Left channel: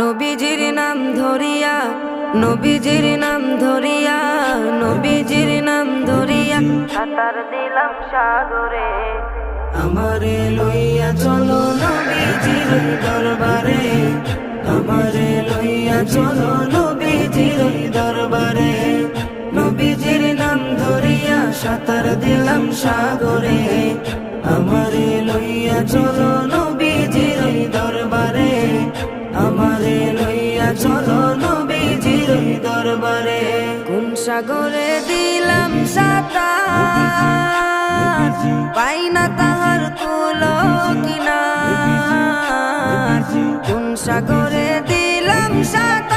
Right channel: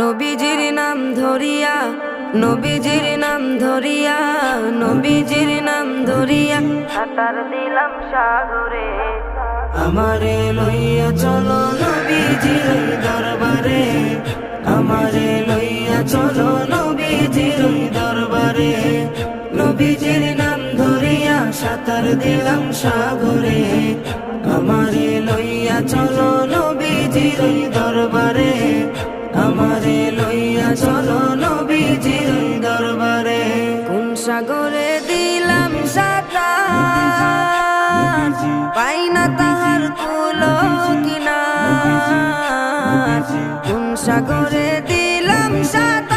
নবীজির নাম ধরিয়া, নবীজির নাম ধরিয়া, নবীজির নাম ধরিয়া সাঁতার দিলাম সাগরে। আমারে লইয়া চলো নবীজির দরবারে, আমারে লইয়া চলো নবীজির দরবারে। নবীজির নাম ধরিয়া সাঁতার দিলাম সাগরে। আমারে লইয়া চলো নবীজির দরবারে, আমারে লইয়া চলো নবীজির দরবারে। কোন সাগরে দিলাম সাঁতার, পাই না তাহার কুলো কিনার। কোন সাগরে দিলাম সাঁতার,